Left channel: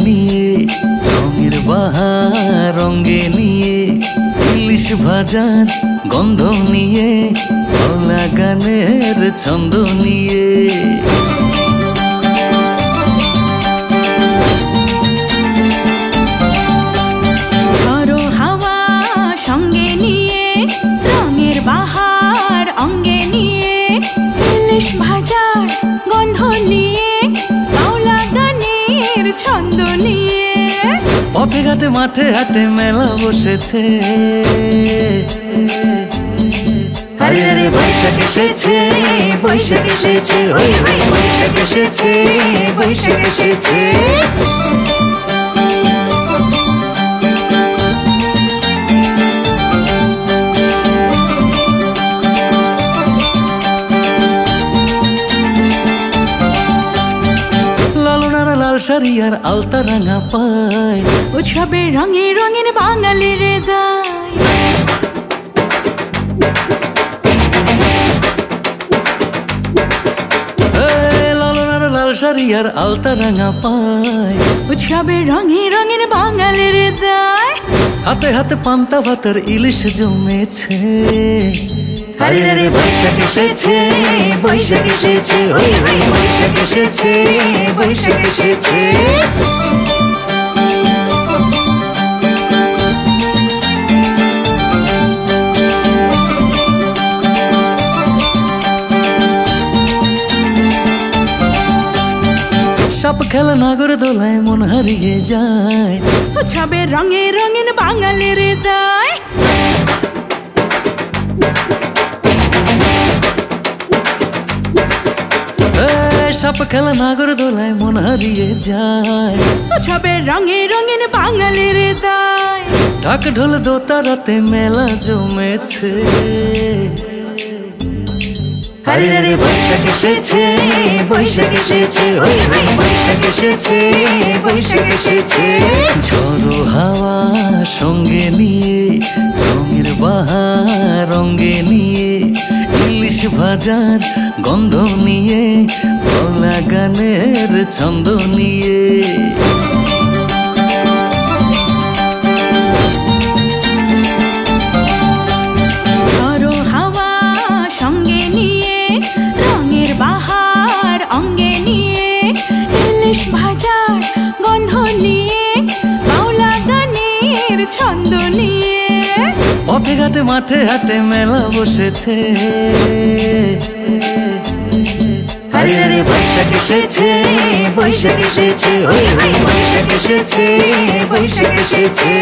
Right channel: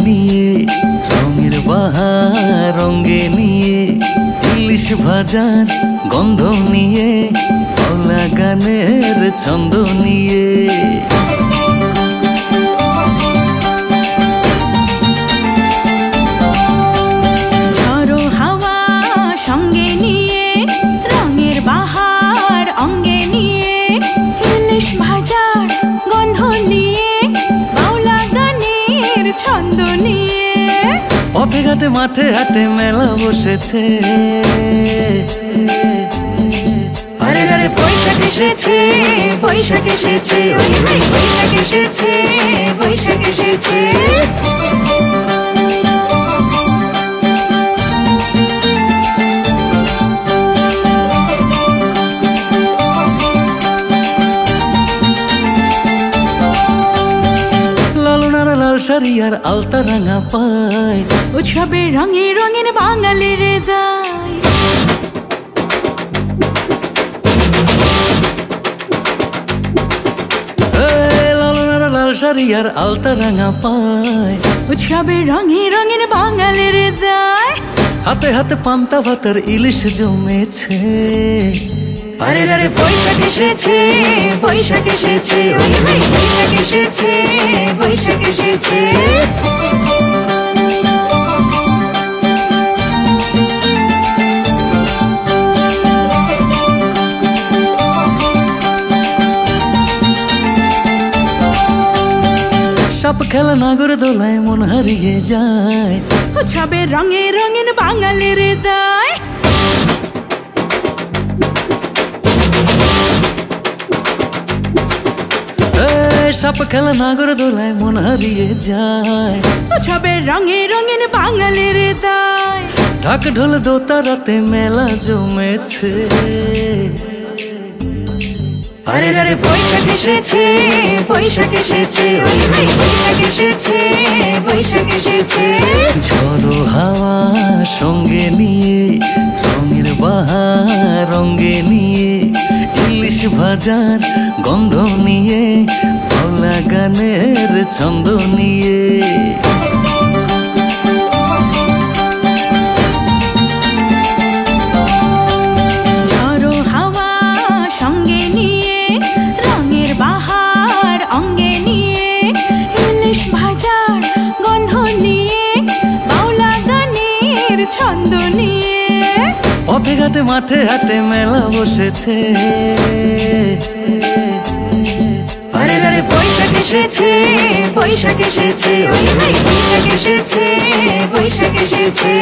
নিয়ে রঙের বাহার রঙে নিয়ে ইলিশ ভাজার গন্ধ নিয়ে বাউলা গানের ছন্দ নিয়ে ঝড়ো হাওয়া সঙ্গে নিয়ে রঙের বাহার অঙ্গে নিয়ে ইলিশ ভাজার গন্ধ নিয়ে বাউলা গানের ছন্দ নিয়ে পথে ঘাটে মাঠে হাটে মেলা বসেছে বৈশাখ এসেছে বৈশাখ এসেছে ওই ওই বৈশাখ এসেছে বৈশাখ এসেছে লালনারা লাল শাড়ি আর আলতা রাঙা পায় উৎসবের রঙে রঙিন বাঙালির হৃদয় লালনারা লাল শাড়ি আর আলতা রাঙা পায় উৎসবের রঙে রঙিন বাঙালির হৃদয় হাতে হাতে পান্তা ভাতের ইলিশ জমেছে বৈশাখ এসেছে বৈশাখ এসেছে ওই ওই বৈশাখ এসেছে বৈশাখ এসেছে সাপ খেলা নাগর দোলায় মন হারিয়ে যায় উৎসবের রঙে রঙিন বাঙালির হৃদয় সাপ খেলা নাগর দোলায় মন হারিয়ে যায় উৎসবের রঙে রঙিন বাঙালির হৃদয় ঢাক ঢোল দোতারাতে মেলা জমেছে বৈশাখ এসেছে বৈশাখ এসেছে ওই ওই বৈশাখ এসেছে বৈশাখ এসেছে ঝড়ো হাওয়া সঙ্গে নিয়ে রঙের বাহার রঙে নিয়ে ইলিশ ভাজার গন্ধ নিয়ে বাউলা গানের ছন্দ নিয়ে ঝড়ো হাওয়া সঙ্গে নিয়ে রঙের বাহার অঙ্গে নিয়ে ইলিশ ভাজার গন্ধ নিয়ে বাউলা গানের ছন্দ নিয়ে পথে ঘাটে মাঠে হাটে মেলা বসেছে বৈশাখ এসেছে বৈশাখ এসেছে ওই ওই বৈশাখ এসেছে বৈশাখ এসেছে